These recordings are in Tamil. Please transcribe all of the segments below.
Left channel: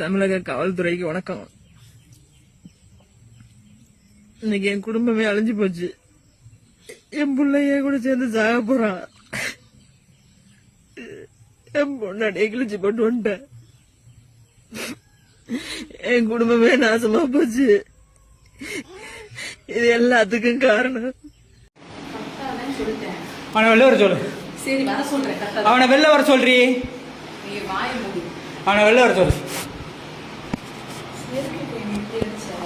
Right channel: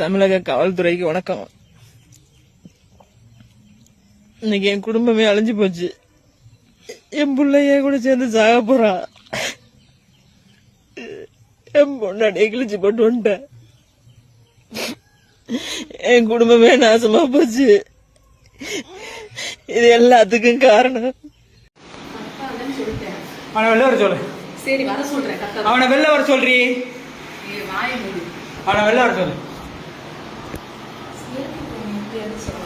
தமிழக காவல்துறைக்கு வணக்கம். இன்னைக்கு என் குடும்பமே அழிஞ்சு போச்சு. என் பிள்ளைய கூட சேர்ந்து சாக போறான். என் பொண்ணாடியை கிழிச்சு போட்டு வந்துட்டேன். என் குடும்பமே நாசமா போச்சு. இது எல்லாத்துக்கும் காரணம். அவனை வெளில வர சொல்லு. சரி வர சொல்றேன். அவனை வெளில வர சொல்றி. அவனை வெளில வர சொல்லு.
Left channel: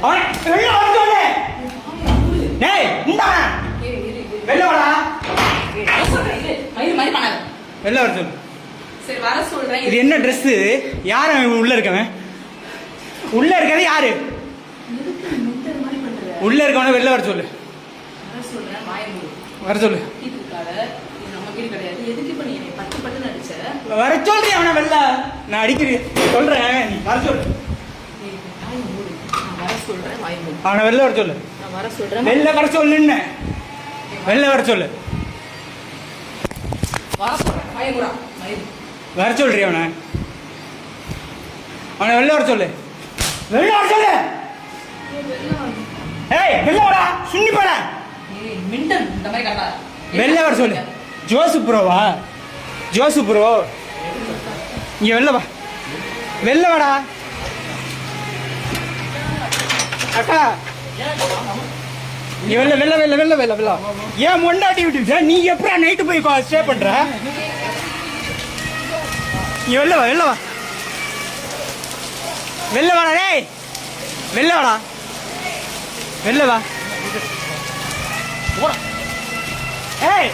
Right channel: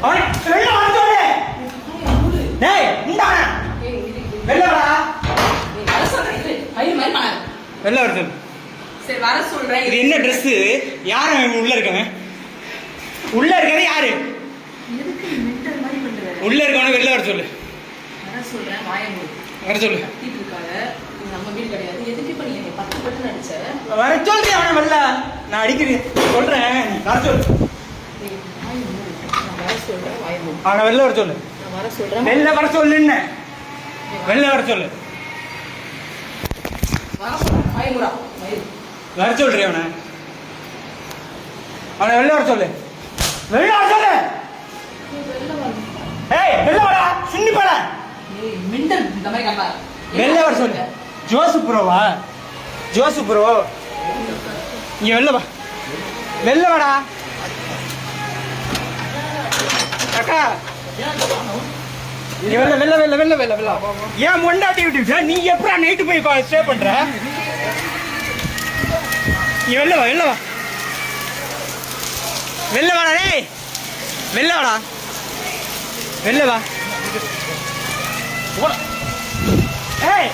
அவனை வெளில வர சொல்லு. டேய் நின்னா. வெளில வாடா. வர சொல்றேன். பையன் மாதிரி பண்ணாத. வெளில வர சொல்லு. சரி வர சொல்றேன். இது என்ன Dress? யார் அவன் உள்ள இருக்கவன்? உள்ள இருக்கறது யாரு? எதுக்கு மென்டல் மாதிரி பண்ற? உள்ள இருக்கவன வெளில வர சொல்லு. வர சொல்றேன். வாயை மூடு. வர சொல்லு. கத்திட்டு இருக்காத. இது நம்ம வீடு கிடையாது. எதுக்கு இப்ப நீ என்னை 10 பட்டு அடிச்ச? வர சொல்லு அவனை வெளில. நான் அடிக்கிறேன். சொல்றேன். நீ வர சொல்லு. வாயை மூடு. நான் வர சொல்றேன். வாயை மூடு. அவனை வெளில வர சொல்லு. நான் வர சொல்றேன். வெளில வர சொல்லுன்னு. வெளில வர சொல்லு. வர சொல்றேன். வாயை மூடா. வர சொல்றீ அவனை. அவனை வெளில வர சொல்லு. வெளில வர சொல்லு. ஏய் வெளில வாடா. சுண்ணி போட. ஏய் மென்டல் இந்த மாதிரி கட்டா. வெளில வர சொல்லு. ஜோசு ப்ரோவா? ஜோசு ப்ரோ இங்க வெளில வா. வெளில வாடா. அக்கா நீ வெளில வெளில வெளில வெளில வெளில வெளில. ஏன் மொண்டாட்டி விட்டு நீ எப்படா நைட்டு போய் ஸ்டே பண்ற? நீ வெளில வா. வெளில வா. வெளில வாடா. டேய் வெளில வாடா. வெளில வா. ஏய்